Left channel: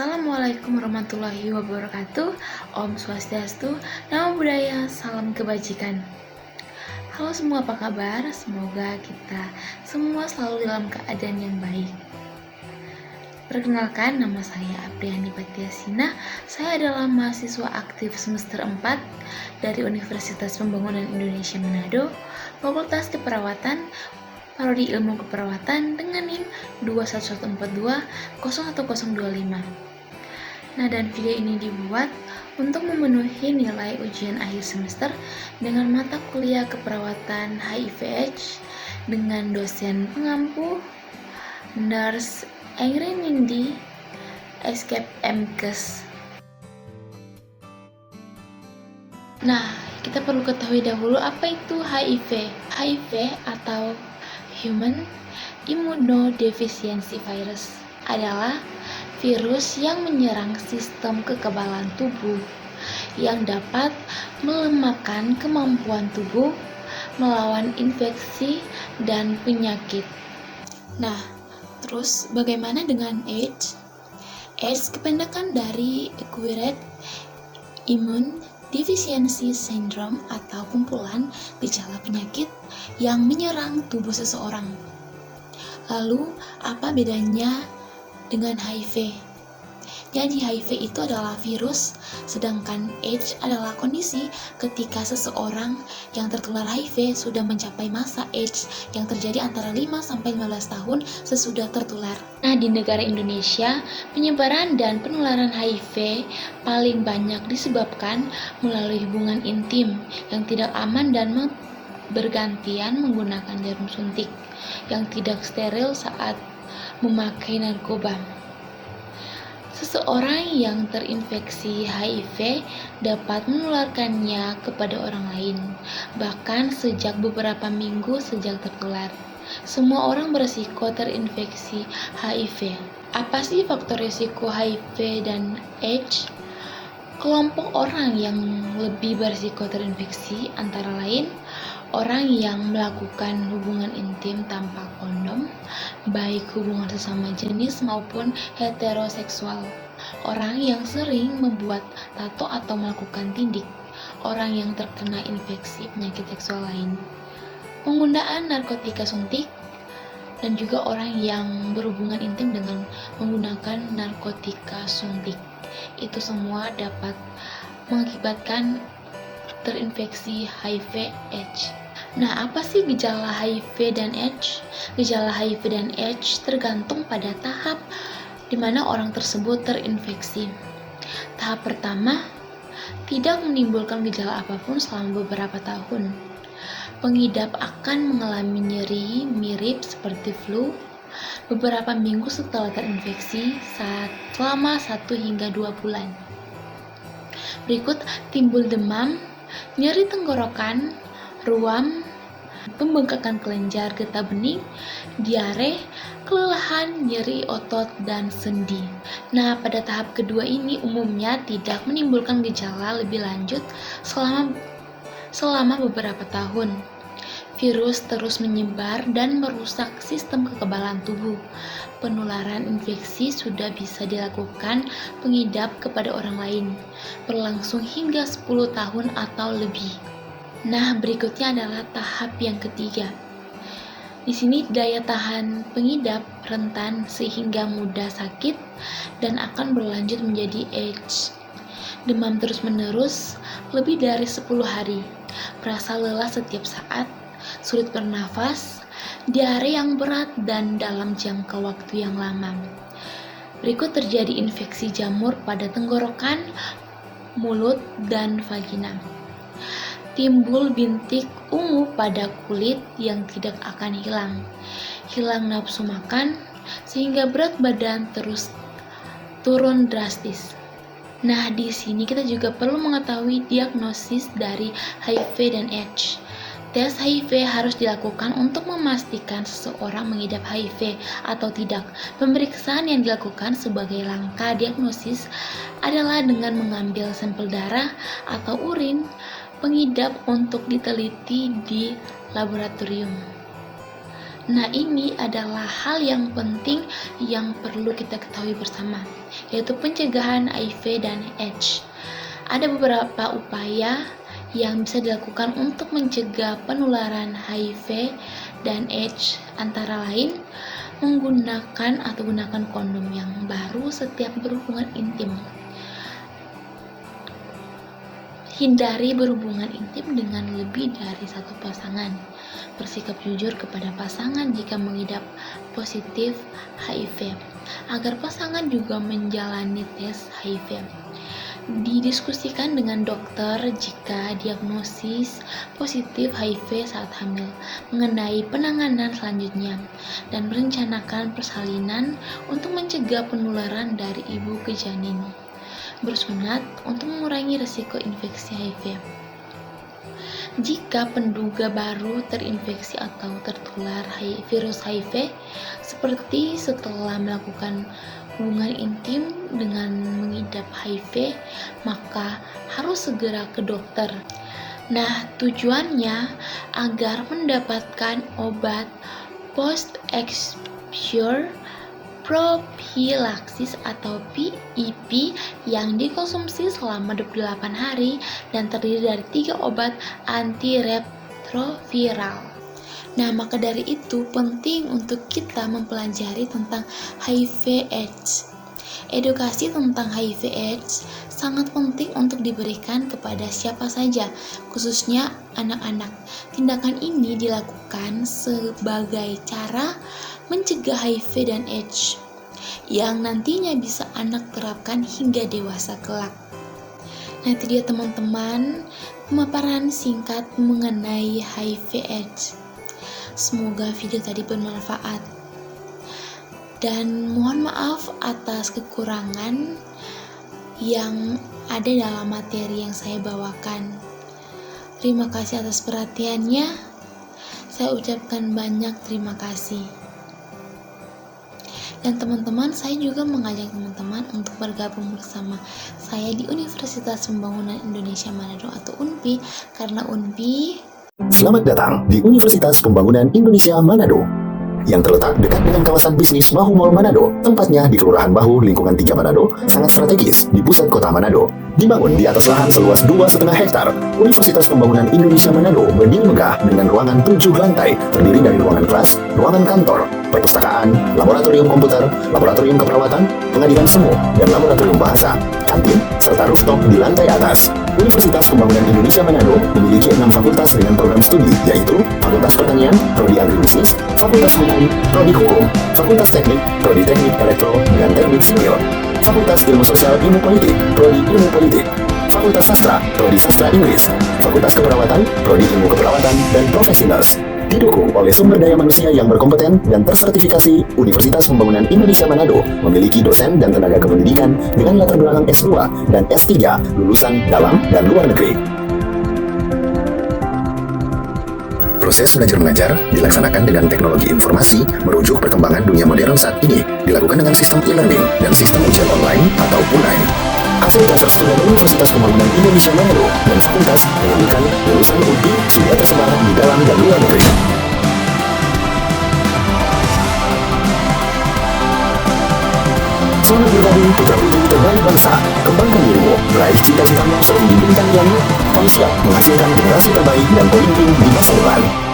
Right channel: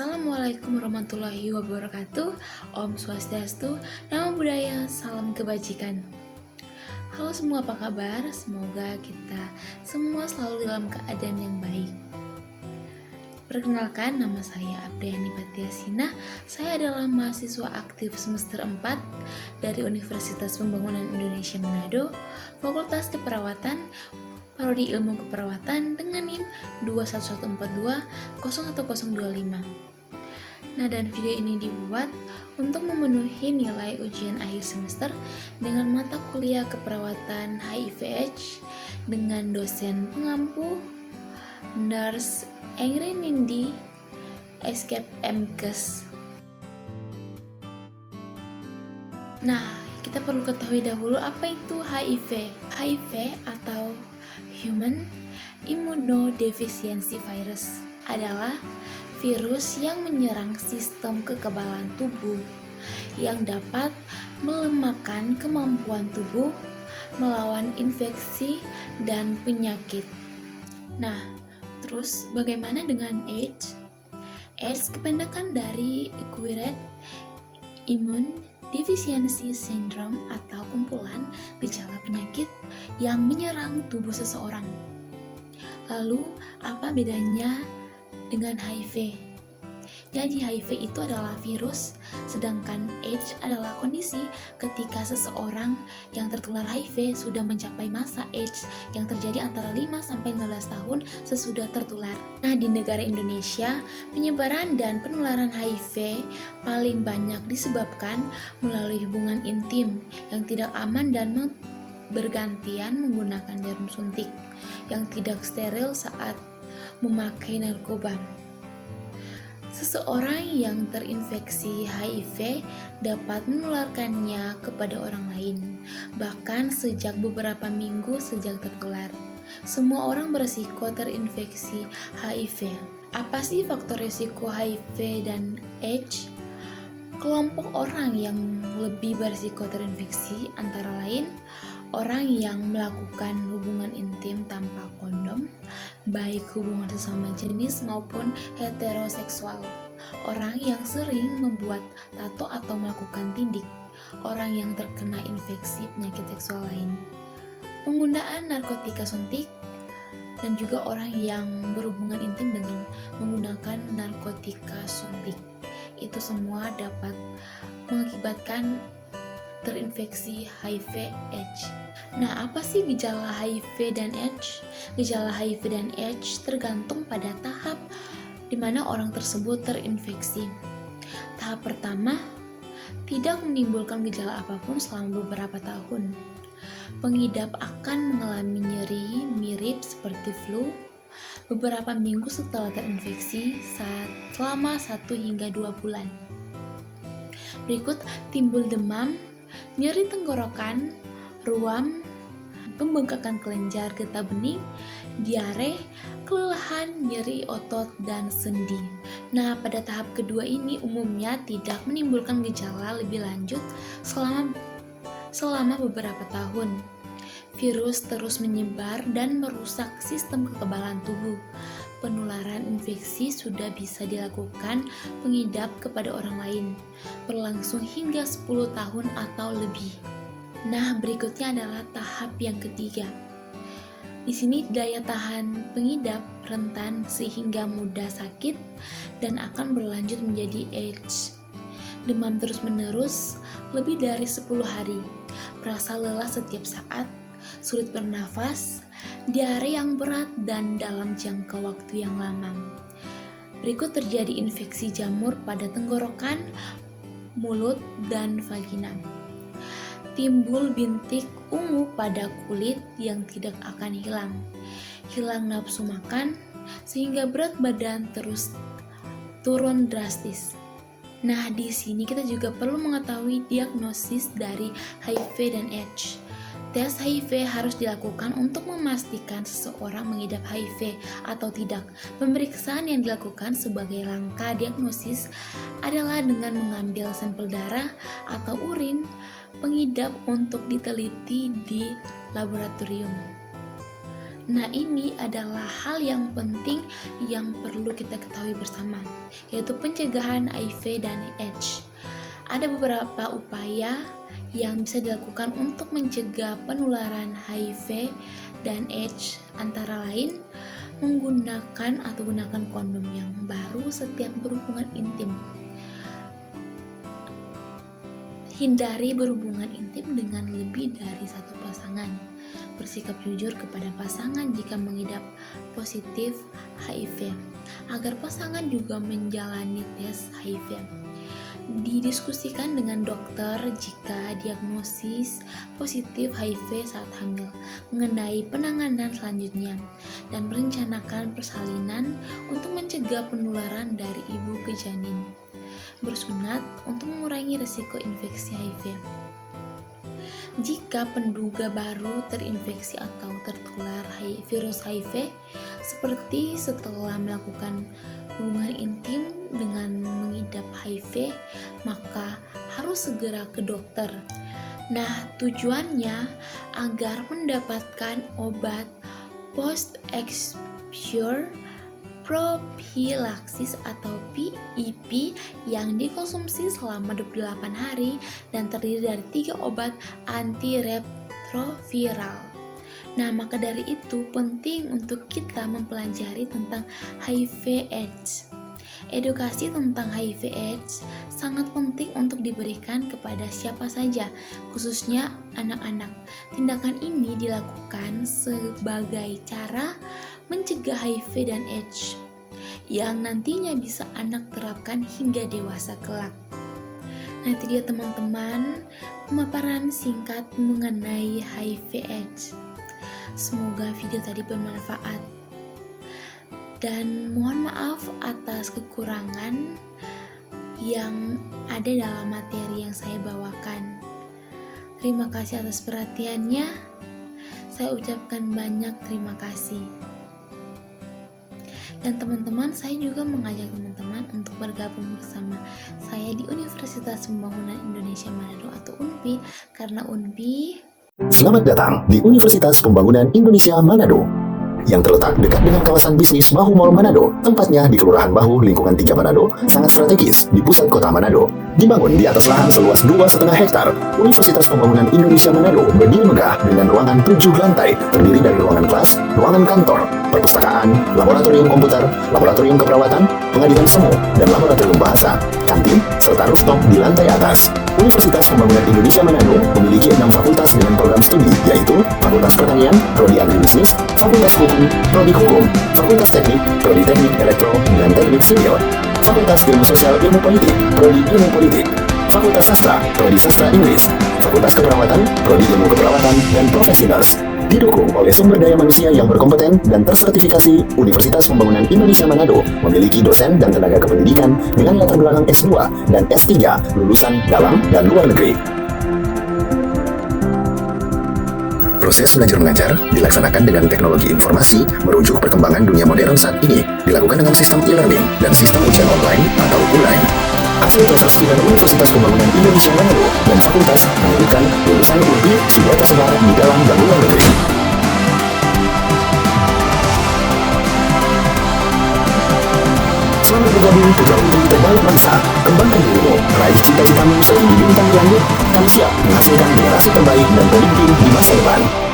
Assalamualaikum warahmatullahi wabarakatuh. Om Swastiastu, Namo Buddhaya, salam kebajikan. Halo semua, apa kabar? Semoga kita semua selalu dalam keadaan yang baik. Perkenalkan, nama saya Apriani Patiasina. Saya adalah mahasiswa aktif semester 4 dari Universitas Pembangunan Indonesia Manado, Fakultas Keperawatan, Prodi Ilmu Keperawatan dengan NIM 21142-01025. Nah, dan video ini dibuat untuk memenuhi nilai ujian akhir semester dengan mata kuliah keperawatan HIV/AIDS dengan dosen pengampu Nurse Engri Nindi Escape MKes. Nah, kita perlu ketahui dahulu apa itu HIV. HIV atau Human Immunodeficiency Virus adalah virus yang menyerang sistem kekebalan tubuh yang dapat melemahkan kemampuan tubuh melawan infeksi dan penyakit. Nah, terus bagaimana dengan AIDS? AIDS kependekan dari Acquired Immune Deficiency Syndrome atau kumpulan gejala penyakit yang menyerang tubuh seseorang. Lalu, apa bedanya dengan HIV? Jadi HIV itu adalah virus, sedangkan AIDS adalah kondisi ketika seseorang yang tertular HIV sudah mencapai masa AIDS yang terjadi antara 5-15 tahun sesudah tertular. Nah, di negara Indonesia, penyebaran dan penularan HIV paling banyak disebabkan melalui hubungan intim yang tidak aman dan bergantian menggunakan jarum suntik yang tidak steril saat memakai narkoba. Seseorang yang terinfeksi HIV dapat menularkannya kepada orang lain, bahkan sejak beberapa minggu sejak tertular. Semua orang berisiko terinfeksi HIV. Apa sih faktor risiko HIV dan AIDS? Kelompok orang yang lebih berisiko terinfeksi antara lain orang yang melakukan hubungan intim tanpa kondom, baik hubungan sesama jenis maupun heteroseksual, orang yang sering membuat tato atau melakukan tindik, orang yang terkena infeksi penyakit seksual lain, penggunaan narkotika suntik, dan juga orang yang berhubungan intim dengan menggunakan narkotika suntik. Itu semua dapat mengakibatkan terinfeksi HIV/AIDS. Nah, apa sih gejala HIV dan AIDS? Gejala HIV dan AIDS tergantung pada tahap di mana orang tersebut terinfeksi. Tahap pertama, tidak menimbulkan gejala apapun selama beberapa tahun. Pengidap akan mengalami nyeri mirip seperti flu beberapa minggu setelah terinfeksi selama 1 hingga 2 bulan. Berikut timbul demam, nyeri tenggorokan, ruam, pembengkakan kelenjar getah bening, diare, kelelahan, nyeri otot, dan sendi. Nah, pada tahap kedua ini umumnya tidak menimbulkan gejala lebih lanjut selama beberapa tahun. Virus terus menyebar dan merusak sistem kekebalan tubuh. Penularan infeksi sudah bisa dilakukan pengidap kepada orang lain, berlangsung hingga 10 tahun atau lebih. Nah, berikutnya adalah tahap yang ketiga. Di sini daya tahan pengidap rentan sehingga mudah sakit dan akan berlanjut menjadi AIDS. Demam terus-menerus lebih dari 10 hari, merasa lelah setiap saat, sulit bernafas, diare yang berat dan dalam jangka waktu yang lama. Berikut terjadi infeksi jamur pada tenggorokan, mulut, dan vagina. Timbul bintik ungu pada kulit yang tidak akan hilang. Hilang nafsu makan sehingga berat badan terus turun drastis. Nah, di sini kita juga perlu mengetahui diagnosis dari HIV dan AIDS. Tes HIV harus dilakukan untuk memastikan seseorang mengidap HIV atau tidak. Pemeriksaan yang dilakukan sebagai langkah diagnosis adalah dengan mengambil sampel darah atau urin pengidap untuk diteliti di laboratorium. Nah, ini adalah hal yang penting yang perlu kita ketahui bersama, yaitu pencegahan HIV dan AIDS. Ada beberapa upaya yang bisa dilakukan untuk mencegah penularan HIV dan AIDS, antara lain menggunakan atau gunakan kondom yang baru setiap berhubungan intim. Hindari berhubungan intim dengan lebih dari satu pasangan. Bersikap jujur kepada pasangan jika mengidap positif HIV, agar pasangan juga menjalani tes HIV. Didiskusikan dengan dokter jika diagnosis positif HIV saat hamil, mengenai penanganan selanjutnya, dan merencanakan persalinan untuk mencegah penularan dari ibu ke janin. Bersunat untuk mengurangi risiko infeksi HIV. Jika penduga baru terinfeksi atau tertular virus HIV, seperti setelah melakukan hubungan intim dengan mengidap HIV, maka harus segera ke dokter. Nah, tujuannya agar mendapatkan obat post-exposure prophylaxis atau PEP yang dikonsumsi selama 28 hari dan terdiri dari 3 obat antiretroviral. Nah, maka dari itu penting untuk kita mempelajari tentang HIV/AIDS. Edukasi tentang HIV/AIDS sangat penting untuk diberikan kepada siapa saja, khususnya anak-anak. Tindakan ini dilakukan sebagai cara mencegah HIV dan AIDS yang nantinya bisa anak terapkan hingga dewasa kelak. Nah, itu dia teman-teman, pemaparan singkat mengenai HIV/AIDS. Semoga video tadi bermanfaat. Dan mohon maaf atas kekurangan yang ada dalam materi yang saya bawakan. Terima kasih atas perhatiannya. Saya ucapkan banyak terima kasih. Dan teman-teman, saya juga mengajak teman-teman untuk bergabung bersama saya di Universitas Pembangunan Indonesia Manado atau UNPI, karena UNPI. Selamat datang di Universitas Pembangunan Indonesia Manado yang terletak dekat dengan kawasan bisnis Bahu Mall Manado. Tempatnya di Kelurahan Bahu, Lingkungan 3 Manado, sangat strategis di pusat kota Manado. Dibangun di atas lahan seluas 2,5 hektar, Universitas Pembangunan Indonesia Manado berdiri megah dengan ruangan 7 lantai, terdiri dari ruangan kelas, ruangan kantor, perpustakaan, laboratorium komputer, laboratorium keperawatan, pengadilan semu, dan laboratorium bahasa, kantin, serta rooftop di lantai atas. Universitas Pembangunan Indonesia Manado memiliki 6 fakultas dengan program studi, yaitu Fakultas Pertanian, Prodi Agribisnis, Fakultas Hukum, Prodi Hukum, Fakultas Teknik, Prodi Teknik Elektro dan Teknik Sipil, Fakultas Ilmu Sosial Ilmu Politik, Prodi Ilmu Politik, Fakultas Sastra, Prodi Sastra Inggris, Fakultas Keperawatan, Prodi Ilmu Keperawatan dan Profesi Nurse. Didukung oleh sumber daya manusia yang berkompeten dan tersertifikasi, Universitas Pembangunan Indonesia Manado memiliki dosen dan tenaga kependidikan dengan latar belakang S2 dan S3 lulusan dalam dan luar negeri. Proses belajar-mengajar dilaksanakan dengan teknologi informasi merujuk perkembangan dunia modern saat ini, dilakukan dengan sistem e-learning dan sistem ujian online atau UNAIN. Hasil tes resmi Universitas Pembangunan Indonesia Manado dan fakultas menyebutkan lulusan UNPI sudah tersebar di dalam dan luar negeri. Selamat bergabung putra-putri terbaik bangsa. Kembangkan dirimu, raih cita-citamu setinggi bintang di langit. Kami siap menghasilkan generasi terbaik dan pemimpin di masa depan.